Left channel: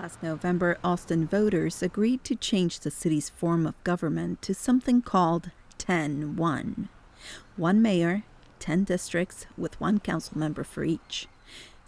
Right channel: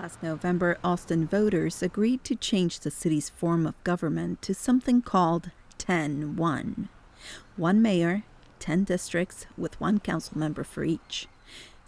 Last November, Austin voters agreed to change the city's form of government to something called 10-1. One mayor, 10 districts, with one council member for each.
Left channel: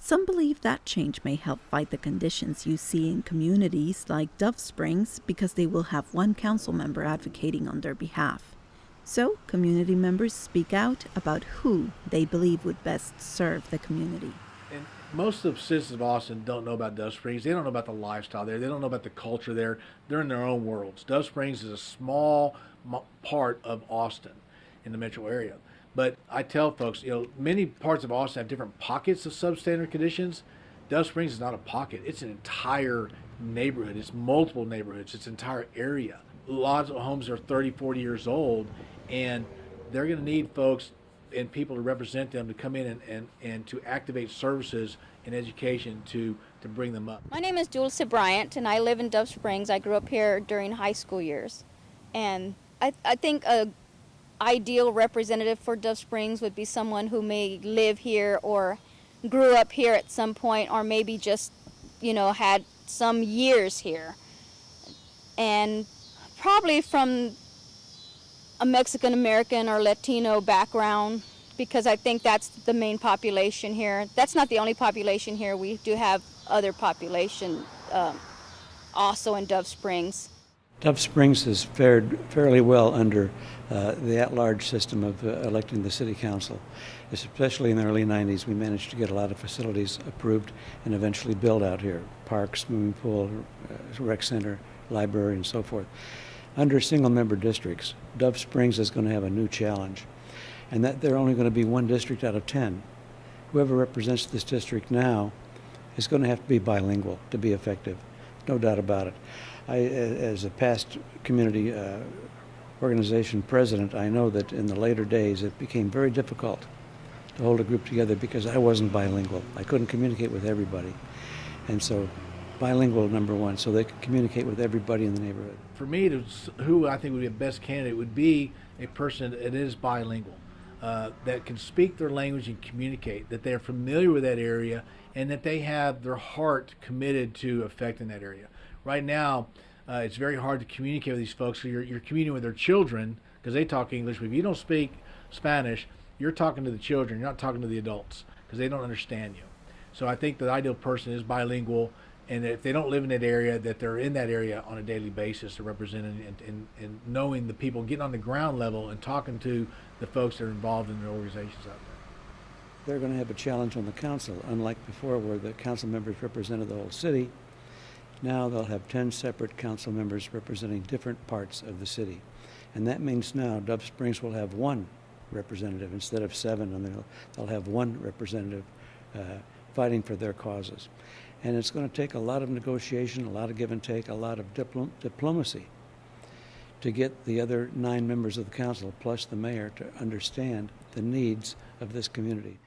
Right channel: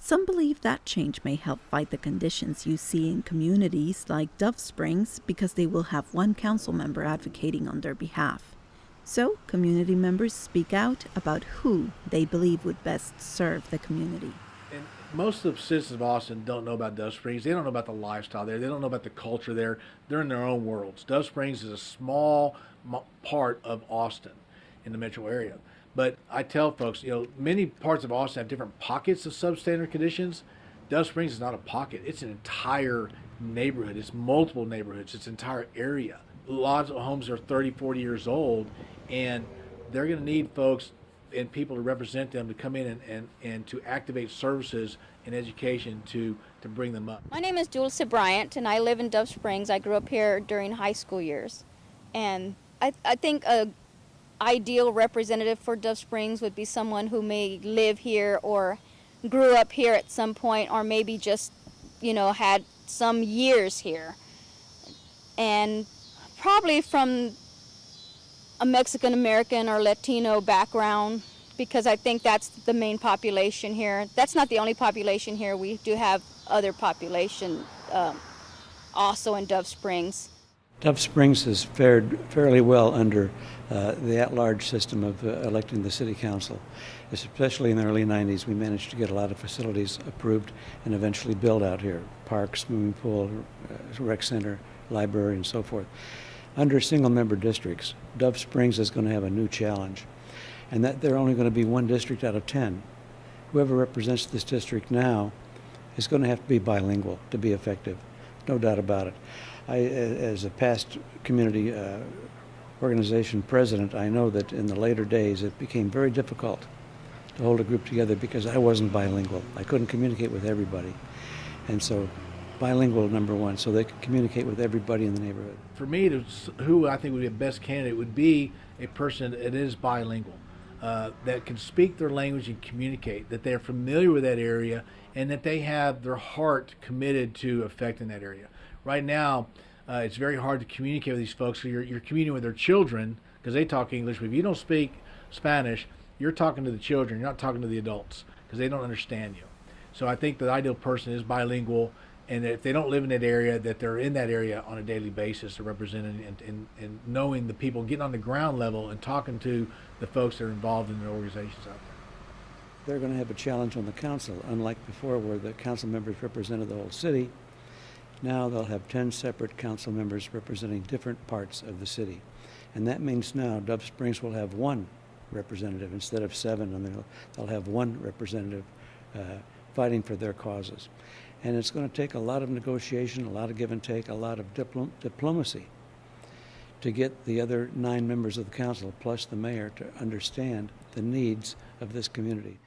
Some believe that change may help fight the conditions you see in communities like Dove Springs because they will have one council member advocating on their behalf. So, community members speak out about who they believe would best serve the community. And most of the citizens of Austin don't know about Dove Springs. They don't know about the lifestyle there. They don't know about the culture there. They're in their own worlds. Dove Springs is a small part of Austin in the metro area. But I tell folks, many parts of Austin have different pockets of substandard conditions. Dove Springs is not a pocket. It's an entire neighborhood. It's multiple neighborhoods. It's an entire area. Lots of homes are 30, 40 years old, and they're going to need folks and people to represent them to come in and to activate services and education to bring them up. My name is Dulce Bryant, and I live in Dove Springs. I grew up here during high school years. And I think a ideal representative for Dove Springs would be someone who may live here or grew up here at some point, or maybe just, had some years here. And probably from a Mexican American or Latino background, because I think that's the main population here. That's not the only population here. We do have other population also in Dove Springs. Dove Springs has fared fairly well under the at-large system of electing the city council. Especially in the early 90s, we managed to get a lot of facilities approved and eventually built out here. Parks, swimming pool, rec center, library, and so forth. Under single-member districts, Dove Springs is going to have a new challenge, and that there are only going to be one district out of 10. Whoever represents this district now is going to have to be bilingual to be effective, no doubt about it. As a past community organization president, I know that in the later days it became very difficult to hold a group together because I wasn't bilingual. I couldn't communicate with everybody. And so bilingual, number one, so they could communicate with everybody in the neighborhood. For me, who I think would be the best candidate would be a person that is bilingual, that can speak their language and communicate, that they're familiar with that area, and that they have their heart committed to affecting that area. Right now, it's very hard to communicate with these folks. So you're communicating with their children because they talk English. But if you don't speak Spanish, you're talking to the children. You're not talking to the adults because they don't understand you. So I think the ideal person is bilingual, and if they don't live in that area, that they're in that area on a daily basis, representing and knowing the people, getting on the ground level and talking to the folks that are involved in the organizations out there. They're going to have a challenge on the council, unlike before where the council members represented the whole city. Now they'll have 10 separate council members representing different parts of the city. And that means now Dove Springs will have one representative instead of 7, and they'll have one representative fighting for their causes. And it's going to take a lot of negotiation, a lot of give and take, a lot of diplomacy to get the other 9 members of the council, plus the mayor, to understand the needs of this community.